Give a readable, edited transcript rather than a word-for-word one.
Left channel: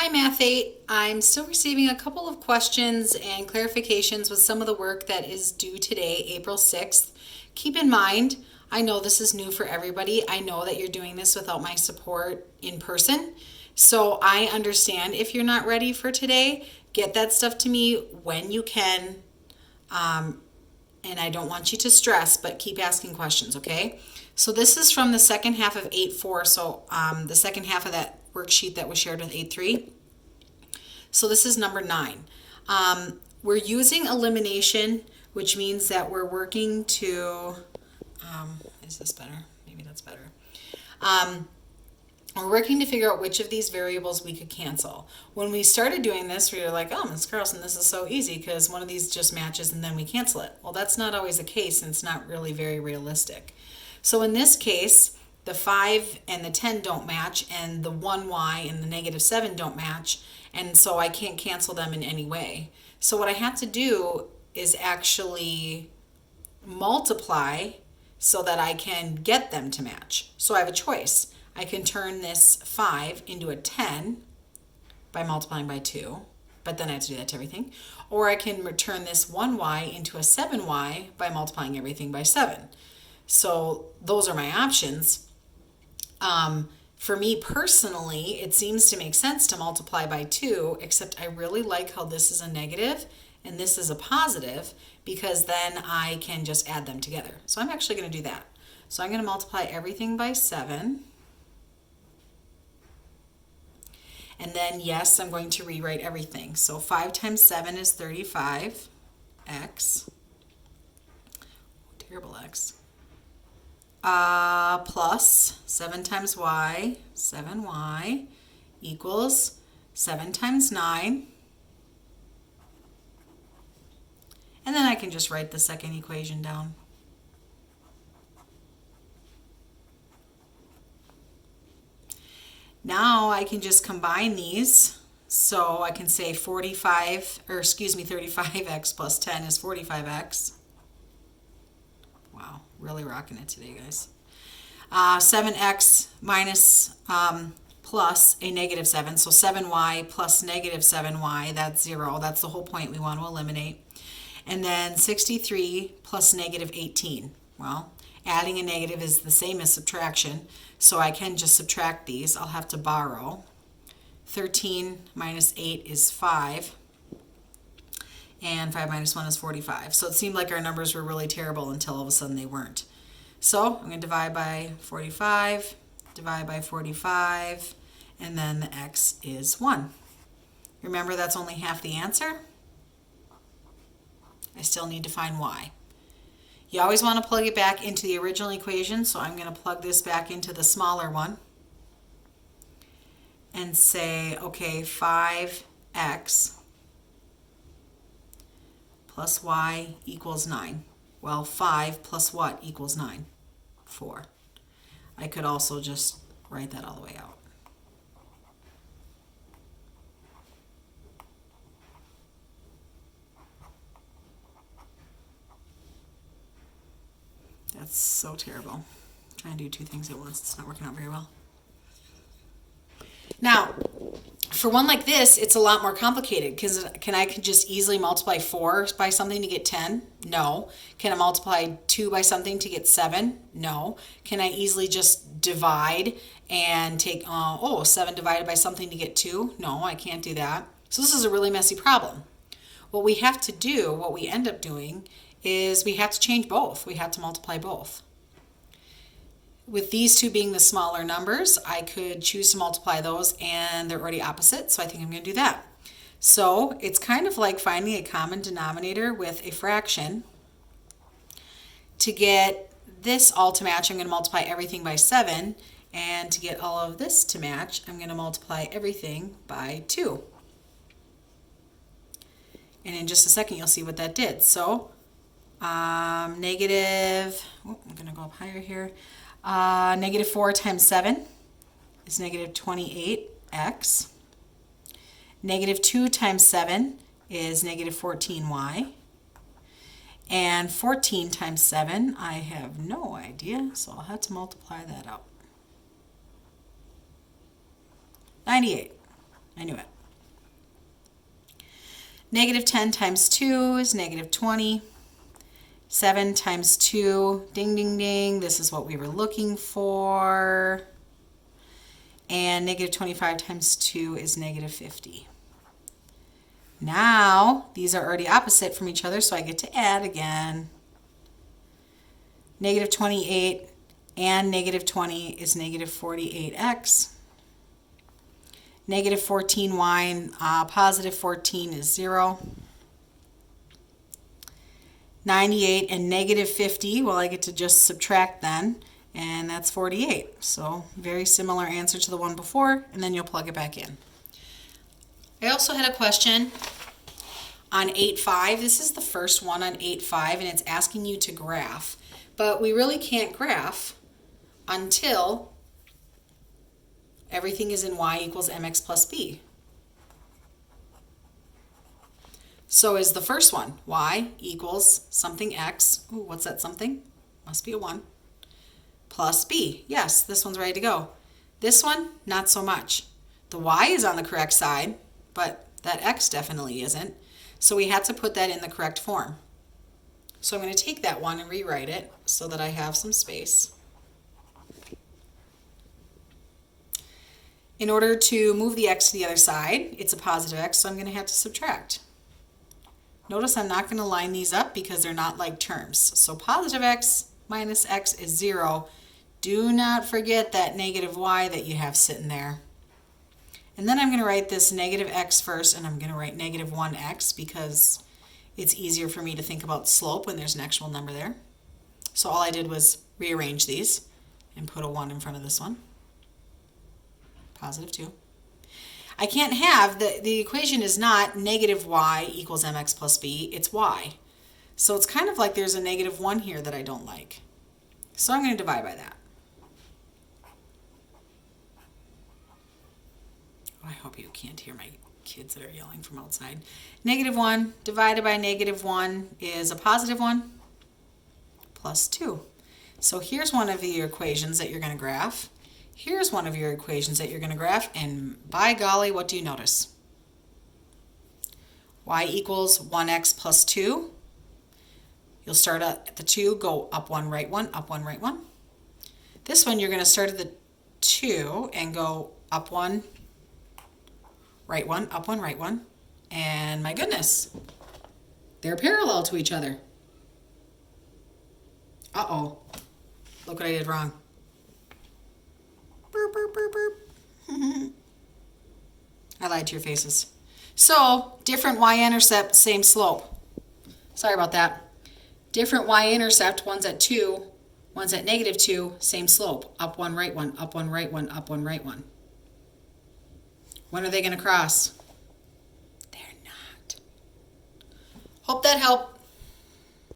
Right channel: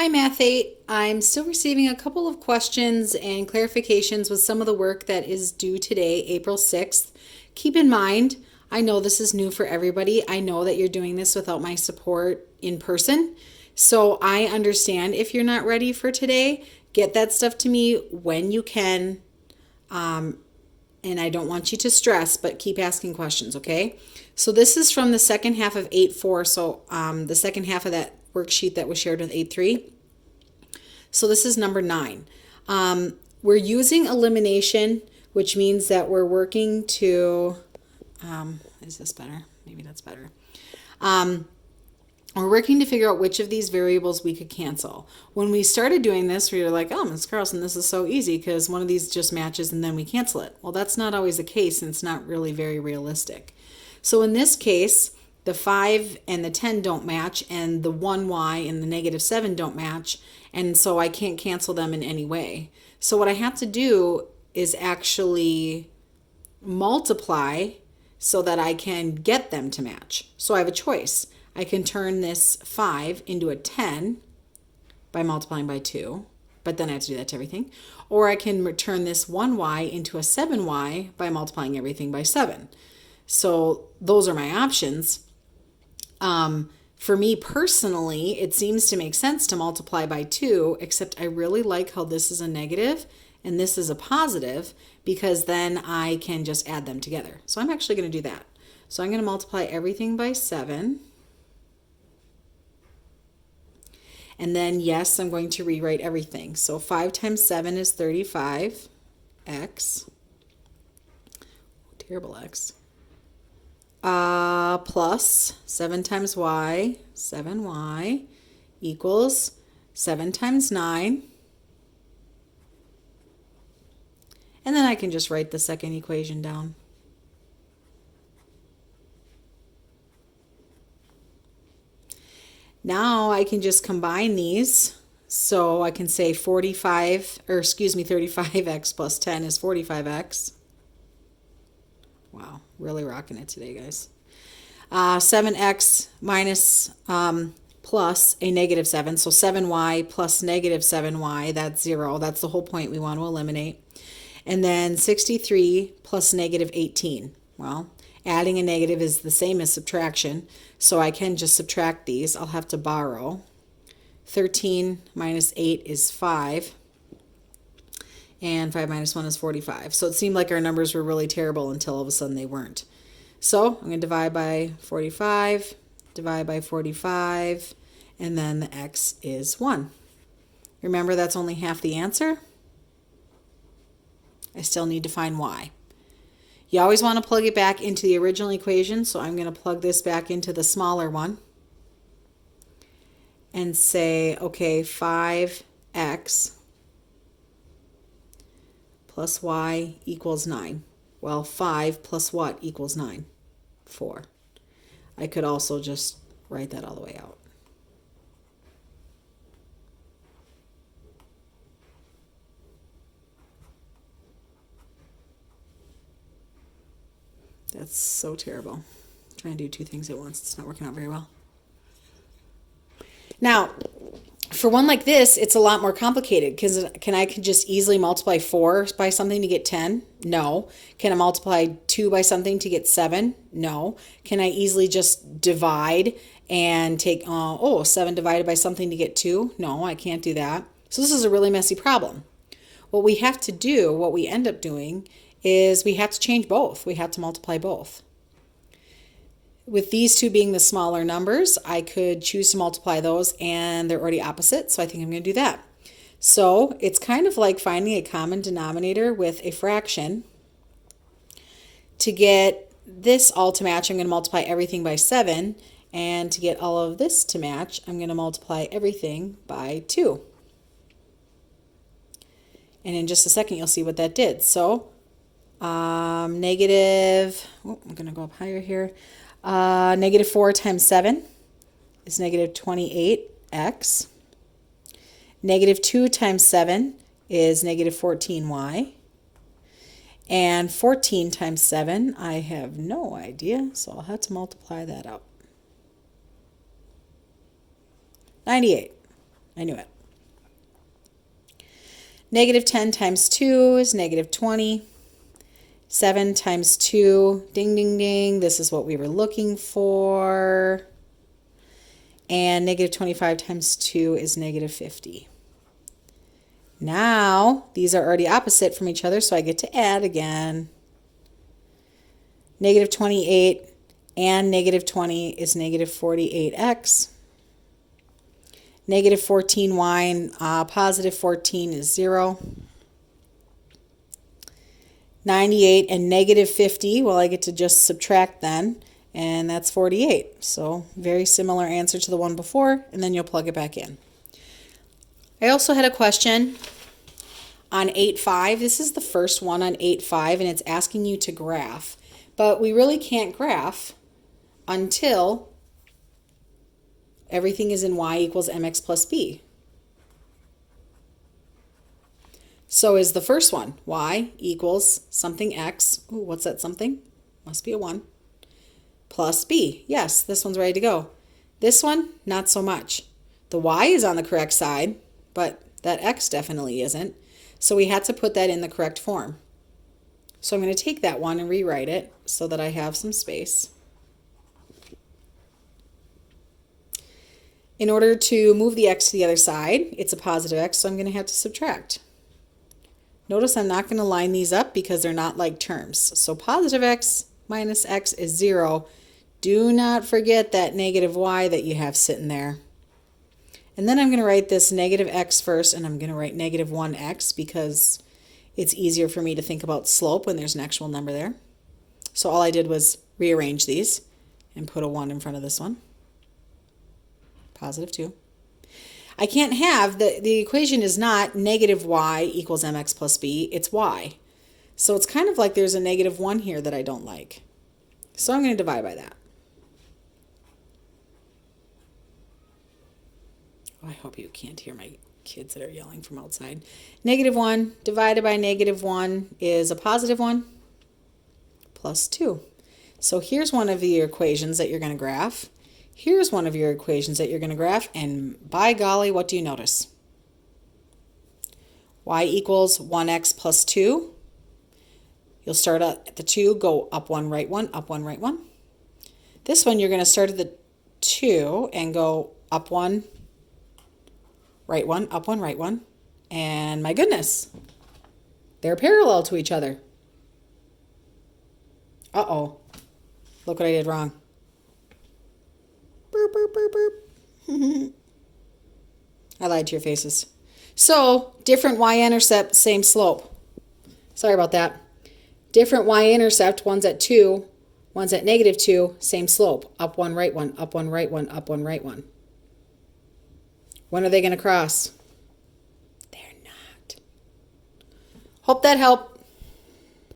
Hi Math 8. I'm still receiving a couple of questions and clarifications with some of the work that is due today, April 6th. Keep in mind, I know this is new for everybody. I know that you're doing this without my support in person. So I understand if you're not ready for today. Get that stuff to me when you can. And I don't want you to stress, but keep asking questions, okay? So this is from the second half of 8.4, so the second half of that worksheet that was shared with 8.3. So this is number 9. We're using elimination, which means that we're working to, is this better? Maybe that's better. We're working to figure out which of these variables we could cancel. When we started doing this, we were like, oh, Ms. Carlson, this is so easy because one of these just matches and then we cancel it. Well, that's not always the case, and it's not really very realistic. So in this case, the 5 and the 10 don't match, and the 1y and the negative 7 don't match, and so I can't cancel them in any way. So what I have to do is actually multiply so that I can get them to match. So I have a choice. I can turn this 5 into a 10 by multiplying by 2, but then I have to do that to everything. Or I can turn this 1y into a 7y by multiplying everything by 7. So those are my options. For me personally, it seems to make sense to multiply by 2, except I really like how this is a negative and this is a positive, because then I can just add them together. So I'm actually going to do that. So I'm going to multiply everything by 7. And then, yes, I'm going to rewrite everything. So 5 times 7 is 35, x, terrible x, plus 7 times y, 7y, equals 7 times 9. And then I can just write the second equation down. Now I can just combine these. So I can say 35x plus 10 is 45x. Wow, really rocking it today, guys. 7x minus plus a negative 7. So 7y plus negative 7y, that's 0. That's the whole point we want to eliminate. And then 63 plus negative 18. Well, adding a negative is the same as subtraction, so I can just subtract these. I'll have to borrow. 13 minus 8 is 5, and 5 minus 1 is 45. So it seemed like our numbers were really terrible until all of a sudden they weren't. So I'm going to divide by 45, divide by 45, and then the x is 1. Remember, that's only half the answer. I still need to find y. You always want to plug it back into the original equation, so I'm going to plug this back into the smaller one and say, okay, 5x plus y equals 9. Well, 5 plus what equals 9? 4. I could also just write that all the way out. That's so terrible. I'm trying to do two things at once. It's not working out very well. Now, for one like this, it's a lot more complicated because can I just easily multiply 4 by something to get 10? No. Can I multiply 2 by something to get 7? No. Can I easily just divide and take, 7 divided by something to get 2? No, I can't do that. So this is a really messy problem. What we have to do, what we end up doing, is we have to change both. We have to multiply both. With these two being the smaller numbers, I could choose to multiply those, and they're already opposite, so I think I'm going to do that. So it's kind of like finding a common denominator with a fraction. To get this all to match, I'm going to multiply everything by 7, and to get all of this to match, I'm going to multiply everything by 2. And in just a second, you'll see what that did. So negative, I'm going to go up higher here. Negative 4 times 7 is negative 28x. Negative 2 times 7 is negative 14y. And 14 times 7, I have no idea, so I'll have to multiply that out. 98. I knew it. Negative 10 times 2 is negative 20. 7 times 2, ding, ding, ding. This is what we were looking for. And negative 25 times 2 is negative 50. Now, these are already opposite from each other, so I get to add again. Negative 28 and negative 20 is negative 48x. Negative 14y and positive 14 is 0. 98 and negative 50, well, I get to just subtract then, and that's 48. So very similar answer to the one before, and then you'll plug it back in. I also had a question on 8.5. This is the first one on 8.5, and it's asking you to graph. But we really can't graph until everything is in y equals mx plus b. So is the first one, y equals something x. Ooh, what's that something? Must be a 1. Plus b. Yes, this one's ready to go. This one, not so much. The y is on the correct side, but that x definitely isn't. So we had to put that in the correct form. So I'm going to take that one and rewrite it so that I have some space. In order to move the x to the other side, it's a positive x, so I'm going to have to subtract. Notice I'm not going to line these up because they're not like terms. So positive x minus x is 0. Do not forget that negative y that you have sitting there. And then I'm going to write this negative x first, and I'm going to write negative 1x because it's easier for me to think about slope when there's an actual number there. So all I did was rearrange these and put a 1 in front of this one. Positive 2. I can't have, the equation is not negative y equals mx plus b, it's y. So it's kind of like there's a negative 1 here that I don't like. So I'm going to divide by that. Oh, I hope you can't hear my kids that are yelling from outside. Negative 1 divided by negative 1 is a positive 1 plus 2. So here's one of the equations that you're going to graph. Here's one of your equations that you're going to graph, and by golly, what do you notice? Y equals 1x plus 2. You'll start at the 2, go up 1, right 1, up 1, right 1. This one, you're going to start at the 2 and go up 1, right 1, up 1, right 1. And my goodness, they're parallel to each other. Uh-oh. Look what I did wrong. Burp, burp, burp, burp. I lied to your faces. So, different y-intercept, same slope. Sorry about that. Different y-intercept, one's at 2, one's at negative 2, same slope. Up 1, right 1, up 1, right 1, up 1, right 1. When are they going to cross? They're not. Hope that helped.